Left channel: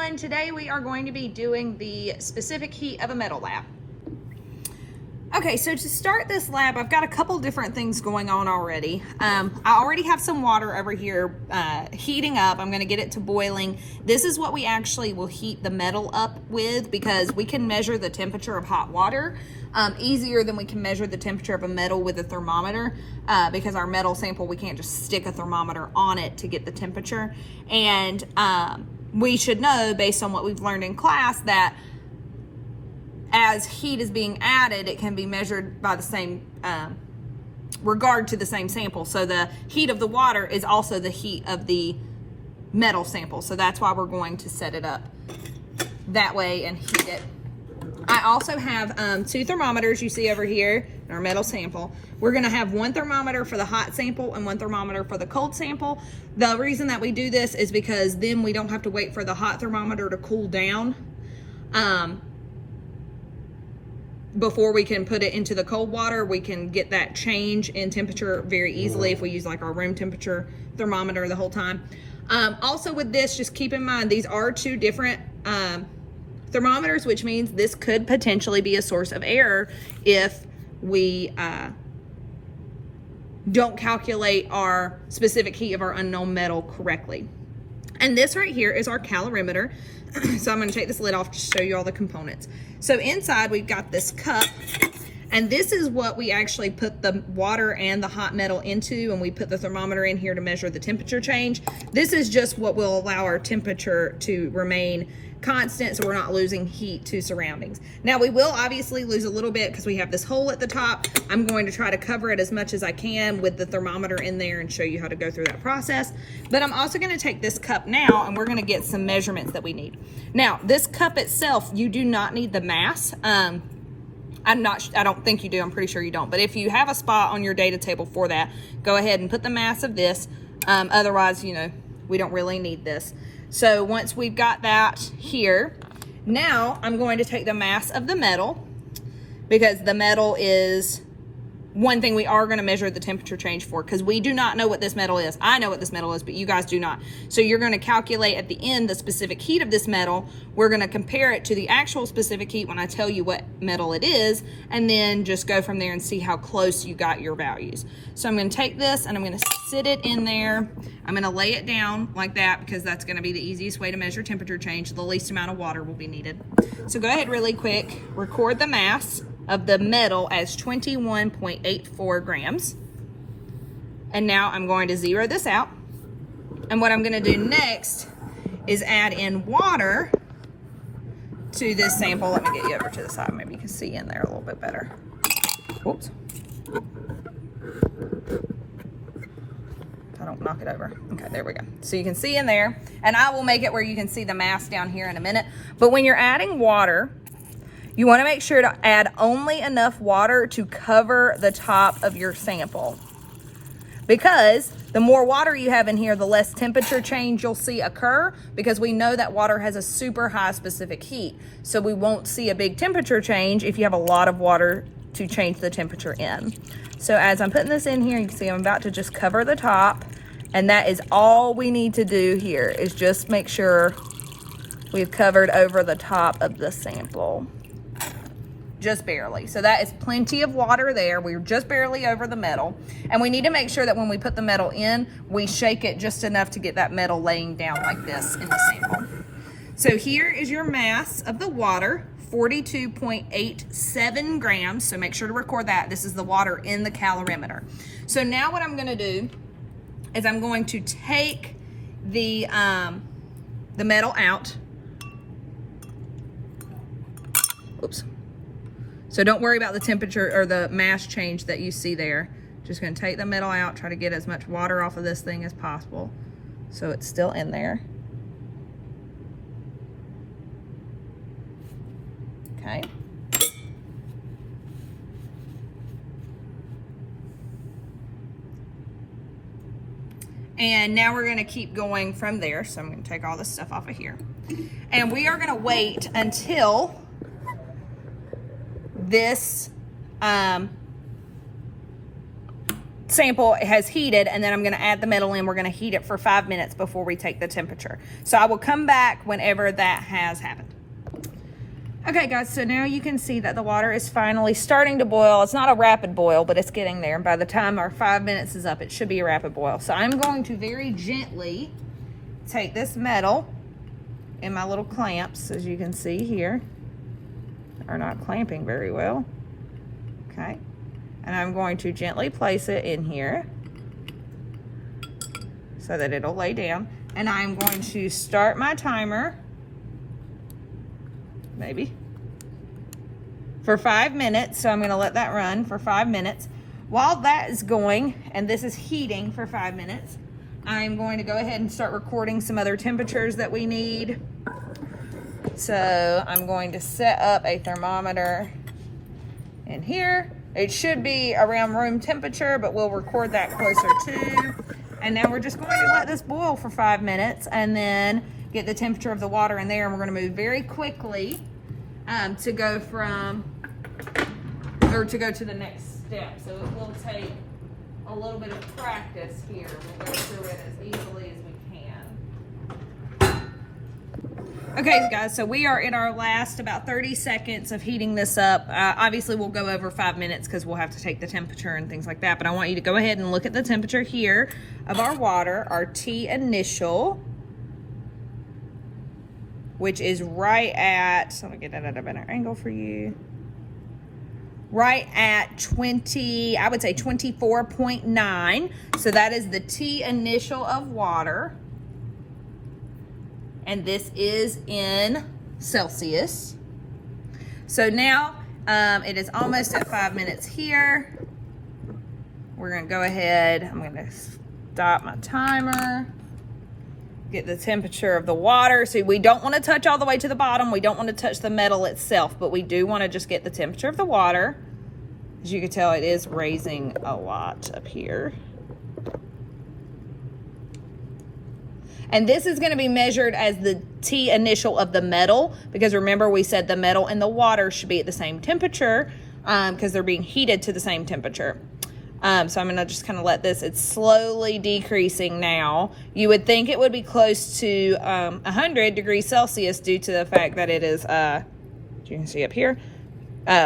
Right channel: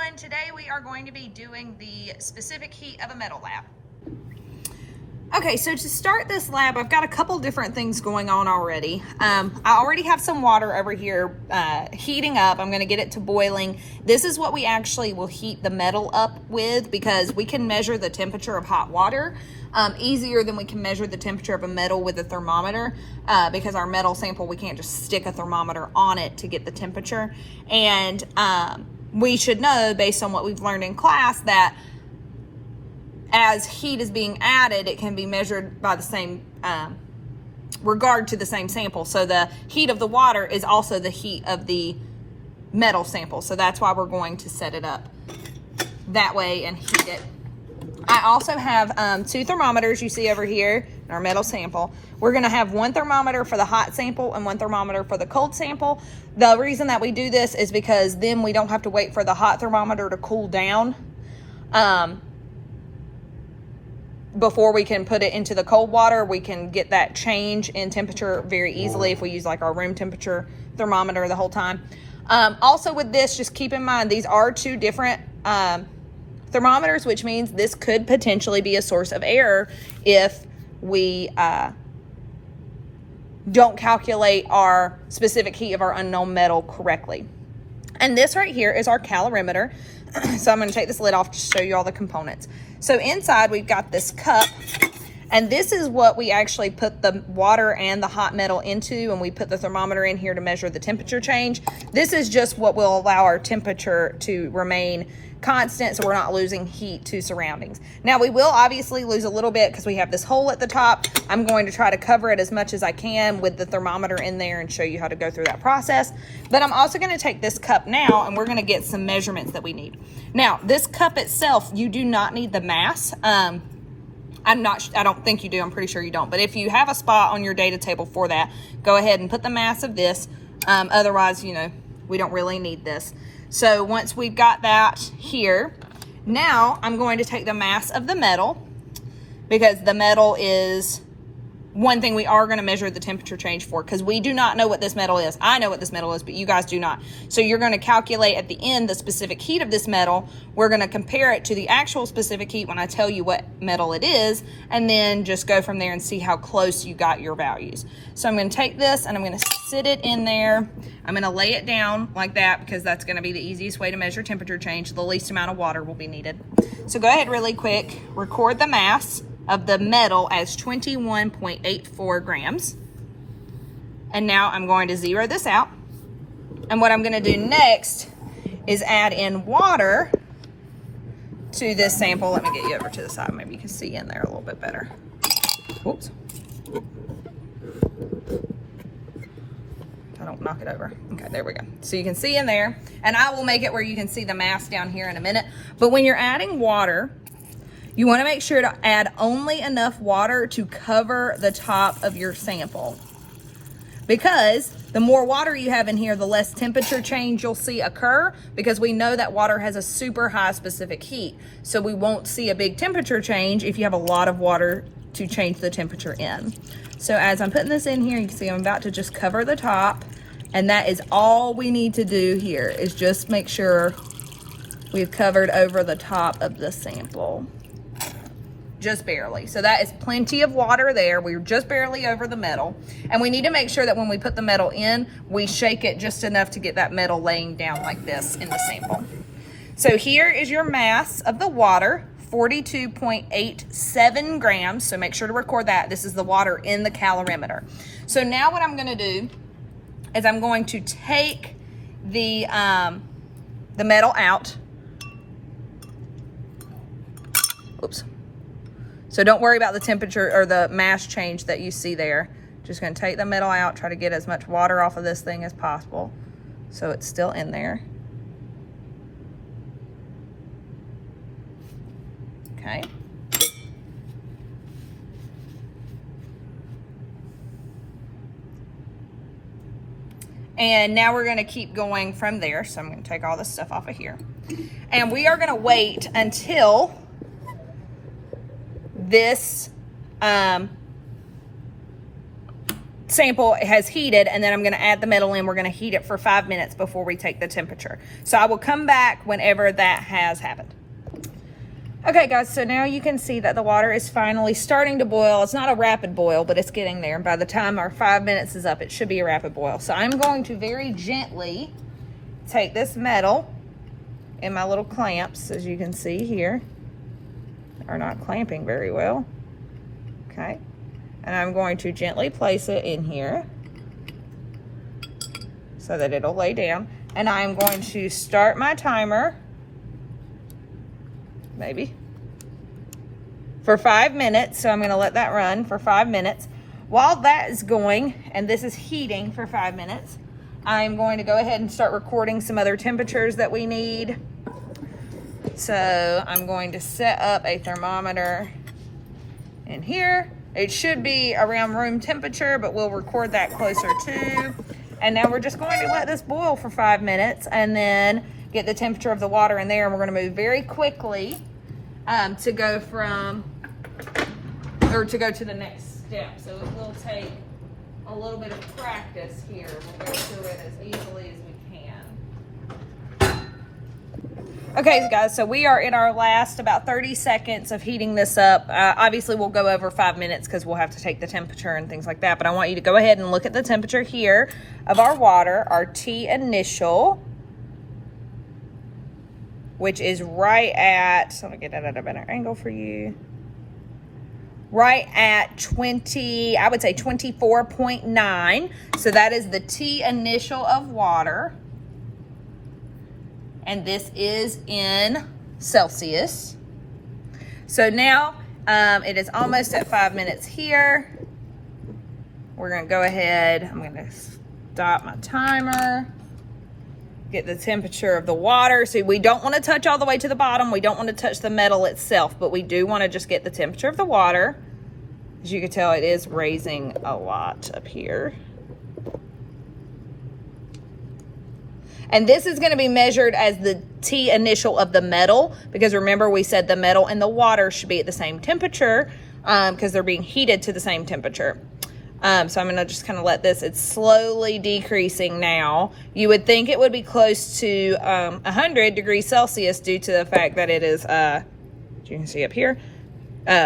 everyone. Today we are going to be doing the specific heat of a metal lab. Okay, so to start this lab, I've got a couple different things going on already. I already have some water over here heating up. I'm going to get it to boiling. This is what we actually will heat the metal up with, because we can measure the temperature of hot water easier than we can measure the temperature of a metal with a thermometer, because our metal sample, we can't just stick a thermometer on it to get the temperature. And we should know, based on what we've learned in class, that as heat is being added, it can be measured by the same regard to the same sample. So the heat of the water is also the heat of the metal sample. So that's why we're going to set it up that way and heat it. I also have 2 thermometers you see over here in our metal sample. We're gonna have 1 thermometer for the hot sample and 1 thermometer for the cold sample. The reason that we do this is because then we don't have to wait for the hot thermometer to cool down before we can put it into the cold water. We can get that change in temperature very easily if we use like our room temperature thermometer the whole time. Also with this, just keep in mind, these are 2 different thermometers, which means this could potentially be a source of error if we don't calculate our specific heat of our unknown metal correctly. And this right here is our calorimeter. So I'm going to take this lid off to show you all the components. So inside we've got this cup, and this is what we actually put the water and the hot metal into, and we put the thermometer in here to measure the temperature change. This is just what will allow our temperature to remain constant, so we're not losing heat to surroundings. Now we will obviously lose a little bit because we have this hole at the top. I'm going to try to cover it as much as I can with the thermometer in there and show you how to go through that process. But I'm also going to take this cup now, and we're going to get some measurements that we need. Now this cup itself, you do not need the mass. I don't think you do, I'm pretty sure you don't. But if you have a spot on your data table for that, go ahead and put the mass of this. Otherwise, you know, we don't really need this. So once we've got that here, now I'm going to take the mass of the metal, because the metal is one thing we are going to measure the temperature change for, because we do not know what this metal is. I know what this metal is, but you guys do not. So you're going to calculate at the end the specific heat of this metal. We're going to compare it to the actual specific heat when I tell you what metal it is, and then just go from there and see how close you got your values. So I'm going to take this and I'm going to sit it in there. I'm going to lay it down like that, because that's going to be the easiest way to measure temperature change. The least amount of water will be needed. So go ahead really quick, record the mass of the metal as 21.84 grams. And now I'm going to zero this out. And what I'm going to do next is add in water to this sample. Let me get you over to the side. Maybe you can see in there a little bit better. Whoops. I don't knock it over. Okay, there we go. So you can see in there, and I will make it where you can see the mass down here in a minute. But when you're adding water, you want to make sure to add only enough water to cover the top of your sample, because the more water you have in here, the less temperature change you'll see occur, because we know that water has a super high specific heat. So we won't see a big temperature change if you have a lot of water to change the temperature in. So as I'm putting this in here, you can see I'm about to just cover the top, and that is all we need to do here, is just make sure we've covered over the top of the sample. Just barely. So that is plenty of water there. We're just barely over the metal. And we need to make sure that when we put the metal in, we shake it just enough to get that metal laying down like this in the sample. So here is your mass of the water, 42.87 grams. So make sure to record that. This is the water in the calorimeter. So now what I'm going to do is I'm going to take the metal out. Oops. So don't worry about the temperature or the mass change that you see there. Just going to take the metal out, try to get as much water off of this thing as possible so it's still in there. Okay. And now we're going to keep going from there. So I'm going to take all this stuff off of here. And we are going to wait until this sample has heated, and then I'm going to add the metal in. We're going to heat it for 5 minutes before we take the temperature. So I will come back whenever that has happened. Okay guys, so now you can see that the water is finally starting to boil. It's not a rapid boil, but it's getting there. And by the time our 5 minutes is up, it should be a rapid boil. So I'm going to very gently take this metal in my little clamps, as you can see here. Are not clamping very well. Okay. And I'm going to gently place it in here so that it'll lay down. And I'm going to start my timer, maybe, for 5 minutes. So I'm going to let that run for 5 minutes. While that is going, and this is heating for 5 minutes, I'm going to go ahead and start recording some other temperatures that we need. So I'm going to set up a thermometer in here. It should be around room temperature, but we'll record that closer to. And now we're just going to let this boil for 5 minutes and then get the temperature of the water in there. And we're going to move very quickly to go to the next step. So it will take a little bit of practice here. We'll go through it as easily as we can. Okay, guys, so we are in our last about 30 seconds of heating this up. Obviously, we'll go over 5 minutes because we'll have to take the temperature and things like that. But I want you to go ahead and look at the temperature here of our water, our T initial, which is right at, so let me get that at a better angle for you. Right at 20, I would say 24.9. So that is the T initial of water. And this is in Celsius. So now it is almost at 5 minutes here. We're gonna go ahead, I'm gonna stop my timer, get the temperature of the water. So we don't wanna touch all the way to the bottom. We don't wanna touch the metal itself, but we do wanna just get the temperature of the water. As you can tell, it is raising a lot up here. And this is going to be measured as the T initial of the metal, because remember we said the metal and the water should be at the same temperature because they're being heated to the same temperature. So I'm going to just kind of let this, it's slowly decreasing now. You would think it would be close to 100 degrees Celsius due to the fact that it is, as you can see up here,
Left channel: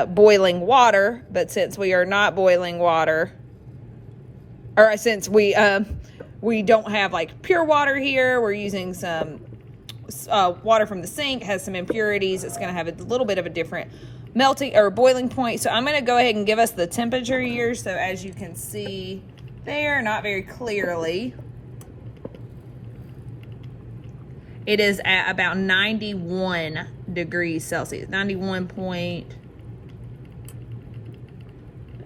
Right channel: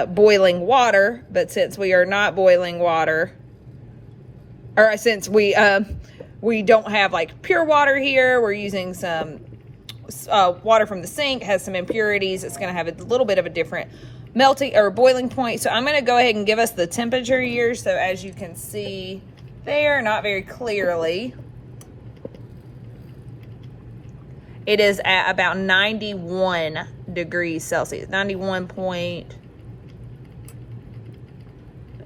boiling water. But since we are not boiling water, or since we don't have like pure water here, we're using some water from the sink, has some impurities. It's going to have a little bit of a different melting or boiling point. So I'm going to go ahead and give us the temperature here. So as you can see there, not very clearly, it is at about 91 degrees Celsius, 91 point,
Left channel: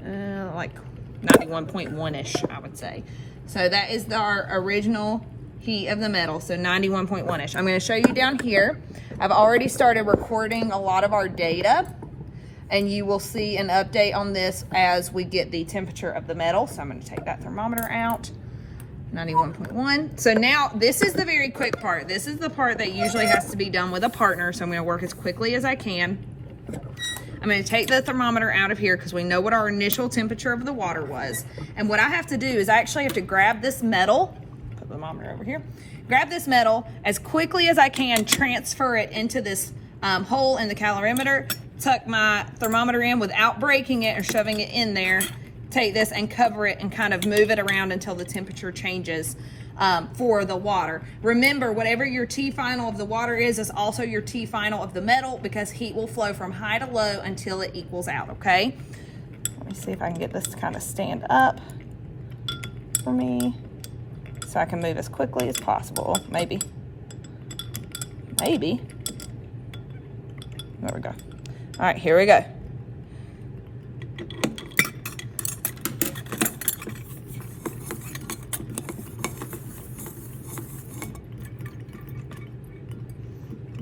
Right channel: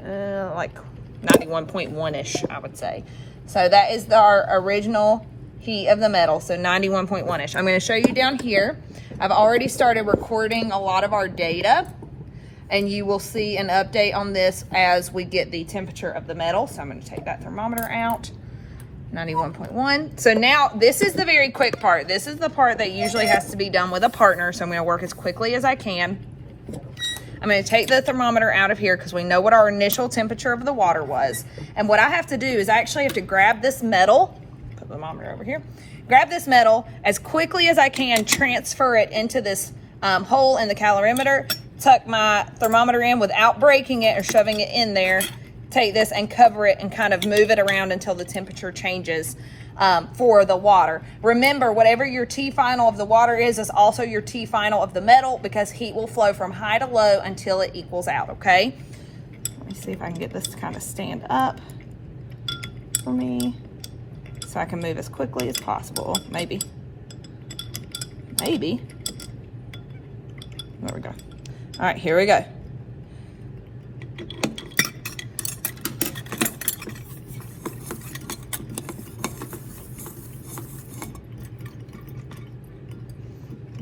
like 91.1-ish, I would say. So that is our original heat of the metal, so 91.1-ish. I'm going to show you down here. I've already started recording a lot of our data, and you will see an update on this as we get the temperature of the metal. So I'm going to take that thermometer out, 91.1. So now this is the very quick part. This is the part that usually has to be done with a partner, so I'm going to work as quickly as I can. I'm going to take the thermometer out of here because we know what our initial temperature of the water was. And what I have to do is I actually have to grab this metal, put the thermometer over here, grab this metal as quickly as I can, transfer it into this hole in the calorimeter, tuck my thermometer in without breaking it or shoving it in there, take this and cover it and kind of move it around until the temperature changes for the water. Remember, whatever your T final of the water is also your T final of the metal, because heat will flow from high to low until it equals out, okay? Let me see if I can get this to kind of stand up for me so I can move as quickly as possible. Maybe. There we go. All right, here we go.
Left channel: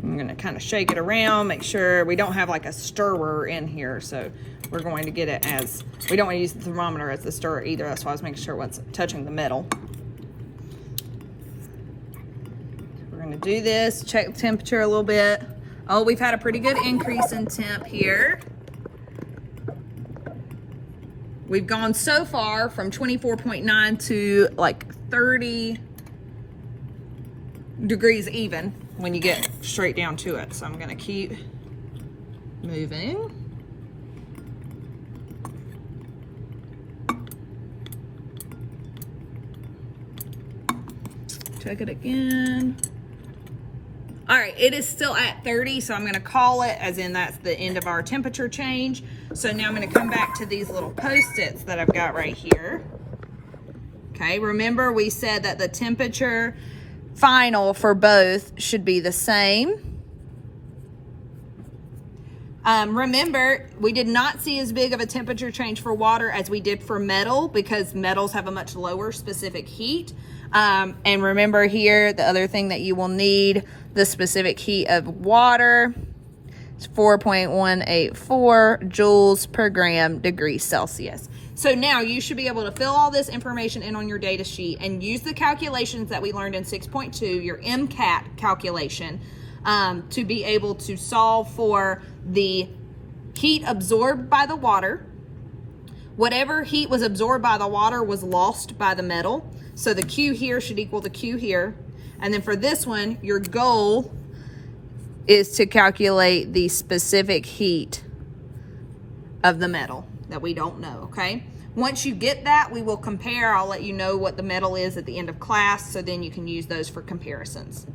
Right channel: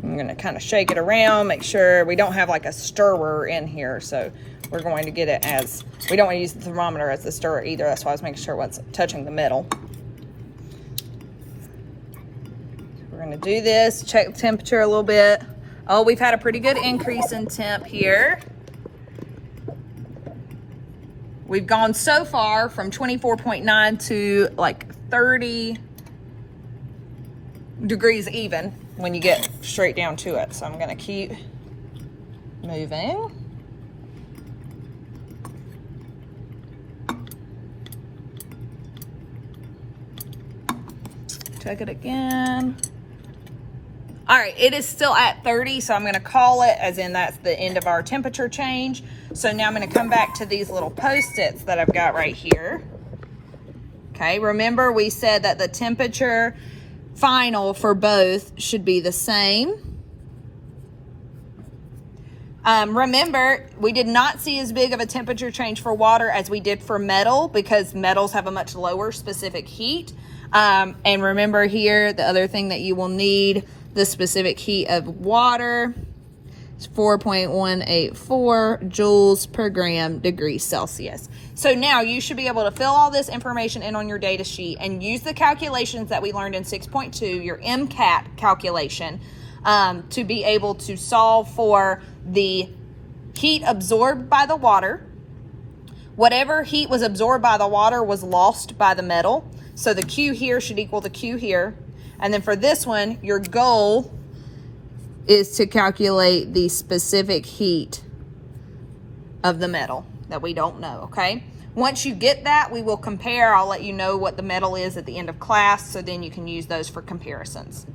I'm going to kind of shake it around, make sure we don't have like a stirrer in here. So we're going to get it as, we don't want to use the thermometer as the stirrer either. That's why I was making sure it's touching the metal. We're going to do this, check the temperature a little bit. Oh, we've had a pretty good increase in temp here. we've gone so far from 24.9 to like 30 degrees even when you get straight down to it. So I'm gonna keep moving. Check it again. All right, it is still at 30, so I'm gonna call it as in that's the end of our temperature change. So now I'm gonna come back to these little Post-its that I've got right here. Okay, remember we said that the temperature final for both should be the same. Remember, we did not see as big of a temperature change for water as we did for metal because metals have a much lower specific heat. And remember here, the other thing that you will need, the specific heat of water is 4.184 joules per gram degrees Celsius. So now you should be able to fill all this information in on your data sheet and use the calculations that we learned in 6.2, your MCAT calculation, to be able to solve for the heat absorbed by the water. Whatever heat was absorbed by the water was lost by the metal. So the Q here should equal the Q here. And then for this one, your goal is to calculate the specific heat of the metal that we don't know, okay? Once you get that, we will compare. I'll let you know what the metal is at the end of class, so then you can use those for comparisons.